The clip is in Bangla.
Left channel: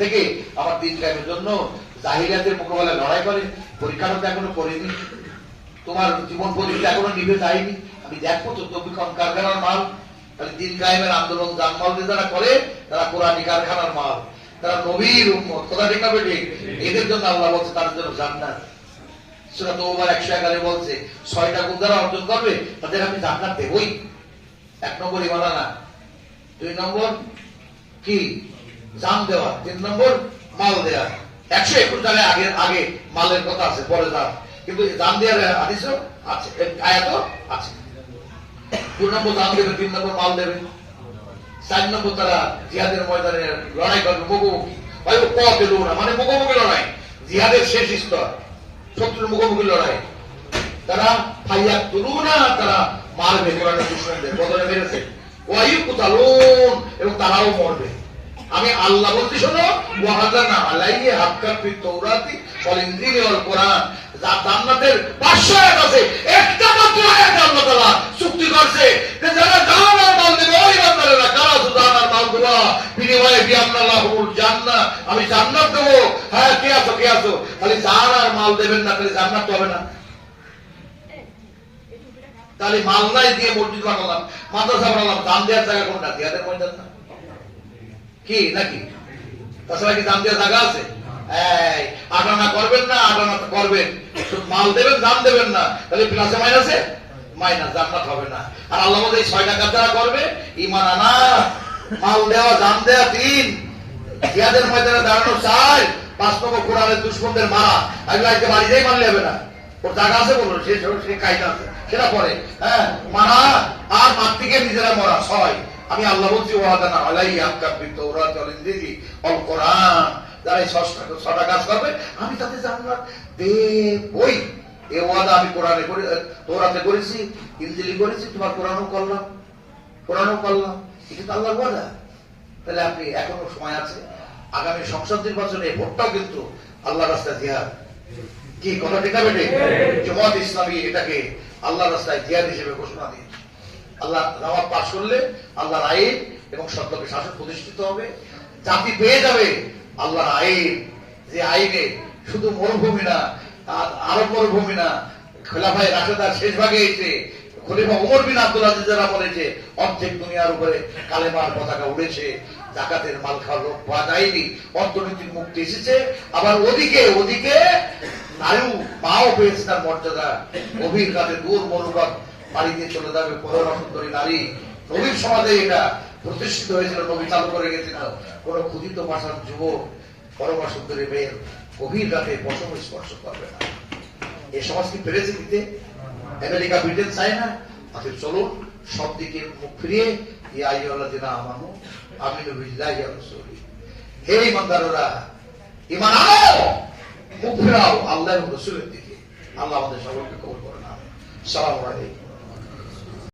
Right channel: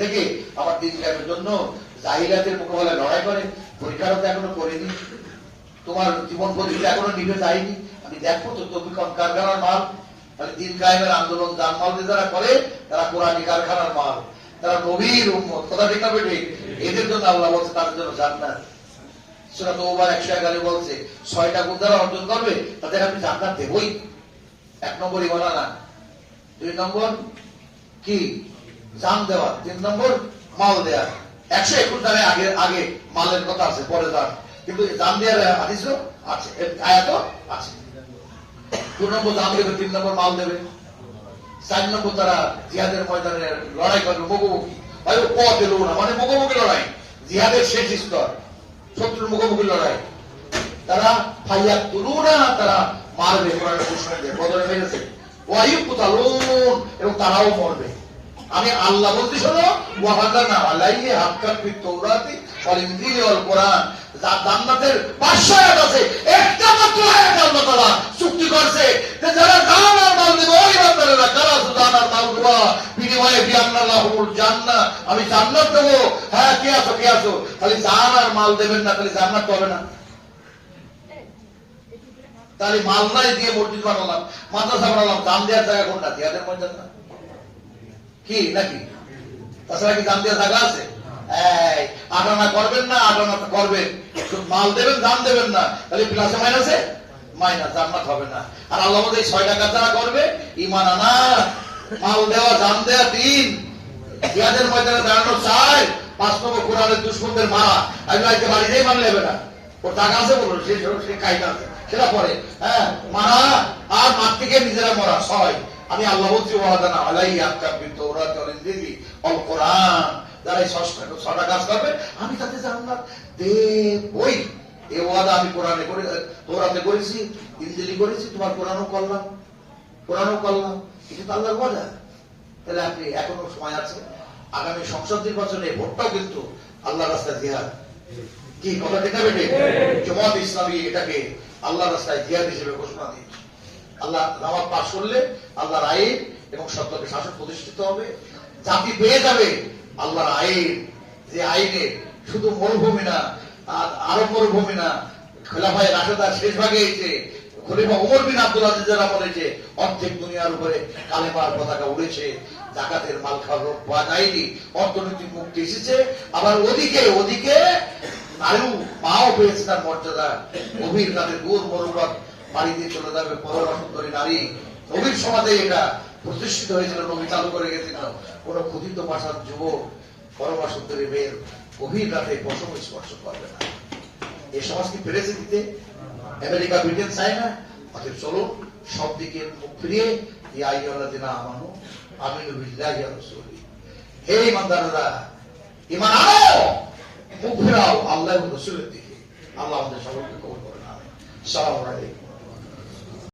থেকে আমার দিন কায়েমের জন্য জাহিরাতের মোকাবেলায় লড়াই করে পরীক্ষাটা তো এখনও করিনি। তোমার জীবন প্রতিষ্ঠা এখনও নিভে যায়নি। আমি দেখব তো তবি কারখানার মাল। তাহলে দিন কায়েমের আন্দোলন জানমাল দিয়ে যারা করে, তারা কোরআনী কারখানার মাল। তারা নবীর উম্মত, কথা ঠিক না বেটে এদের জন্য আল্লাহ বলছে, তাদের জন্য জান্নাত। সেটা তো ওবার একশো এগারো বলছে, ছয়টা গুণ যারা অর্জন করবে, তাদের আমি জান্নাত দেবই। এক নম্বর ইমানা না দুই নম্বর কি? জান দেওয়া, তিন নম্বর মাল দেওয়া একশো একুশ জায়গায় আগে আগে মালের কথা আছে, পরে যান কিন্তু জান দেওয়ার আদিস আছে আয়াত আছে। দু নম্বর জান দেবে, তিন নম্বর মাল দেবে। চার নম্বর তারা জিহাদের ময়দানে লড়াই করবে, মুখোমুখি। ভাই, ও পথে না মানে মুখোমুখি লড়াই। জিহাদের শেষ স্তর, শত্রুর মুখোমুখি লড়াই। তারা ফাইয়া তুলু না তারা মারবে কোরআনের বদলে মেরেছে ওয়াইউ কুতালুন এবং তারাও মরবে। আমি আল্লাহ বলতে শোনো ওয়াহাদা না আলাইয়ে হাক্কার ফি ওয়াল ইনজিল ওয়াল কোরআন। যা জান্নাতের 500 আয়াত আছে মাল মাল আমি জান্নাত দেবো। হ্যাঁ কে আছো কে আছো? খালি জান আর মাল দেবেন না, খালি জান্নাত হবে না। তাহলে মালদাই দিয়ে মসজিদ বানালাম, মাদ্রাসা বানালাম দাম দেওয়ার জায়গা কোনটা? জিয়াদের ময়দান না। কি, নাকি? তাছাড়া কি দাম দেওয়ার জায়গা আছে? আটানা করবেন না, আটানা করবেন। মাল দেবেন, দাম দেবেন না। তাহলে প্লাসে মাইনাসে? মাইনাস, জান্নাত হবে না। আর আল্লাহ এই ছয়টা কাজ যারা করবে ইমান আনা, মাল দেওয়া, দাম দেওয়া তিন জিয়াদের ময়দানে দাঁড়ানো চাই। পাঁচ নম্বর কোরআনের মারা আগে আজকে বাড়িতেই মানলে হবে না। ওর টাকা আছে বলুন, সে সে কায়দা আছে। সেটা পরে হ্যাঁ মারা আর মার থেকে নিজেরা মরা, ছয়। আমি আল্লাহ বলছি ওয়াদা আলাই আকাবিত ওরা চলেন দিদি অল কোরআন। যারা এই ছটা কাজ করবে আমি তাতে জান্নাত দেবই। এ ওয়াদা আমি কোরআনে করে তোরাতে করেছি ইঞ্জিলি করেছি তোমার কোরআনও করলাম কোরআনও করলাম। এটা তো আল্লাহর ওয়াদা। তাহলে আপনি এখনও সময় আছে আগামী সংসদ নির্বাচনে ভোটটাও কিন্তু আল্লাহ রাস্তায় জিহাদ কি কথা ঠিক বেটে জমাত ইসলামী এটাকে আল্লাহ রাস্তায় জিহাদ হিসেবে ঘোষণা দিয়েছে। আল্লাহ নামাজ পাশ করলে আল্লাহর আইন এবং সত্যকে শাসন প্রতিষ্ঠিত হবে। জাতি পেয়ে যাবে আল্লাহর আইন। যে আইনে শুধু মরুভূমি না, আর আরব মরুভূমি না খেলাফাই রাশেদার শেষ ভাগে এসে খলিফা ওমর বিন আব্দুল আজিজেরা বলেছে অর্ধেক দুনিয়ার উপরে কালেমার পতাকা উড়েছে, জাকাতের মাল খাওয়ার রোগ পাওয়া যায়নি, অর্থনৈতিক মুক্তি এসেছে। আবার ওদিকে ওদিকে নারীও পাও পেয়েছে তার মর্যাদা। গভীর কাজে দূর মনোভাব দিয়ে চলে যাবে পরমা সুন্দরী নারী। নবীর সমাজে এটা প্রতিষ্ঠিত হয়েছিল নবী চালু করে গেছিল। কোন ক্ষুদিত ভাষার যুবক পরমা সুন্দরী মেয়ের গভীর রাতে পশম স্পর্শ করবে না। এই সমাজ কি পেরেছে দিতে? আমেরিকা, ব্রিটেন চায় না অথচ চলুন, সব দিকে মুখ ফিরিয়ে আমানু রাসূলি। হে ইমানদাররা, ঈমান আনো, মুখ ফিরাও আল্লাহ রাসূলের দিকে। আল্লাহ আমাদের সকলকে কবুল করেন, আমিন। আসসালামু আলাইকুম।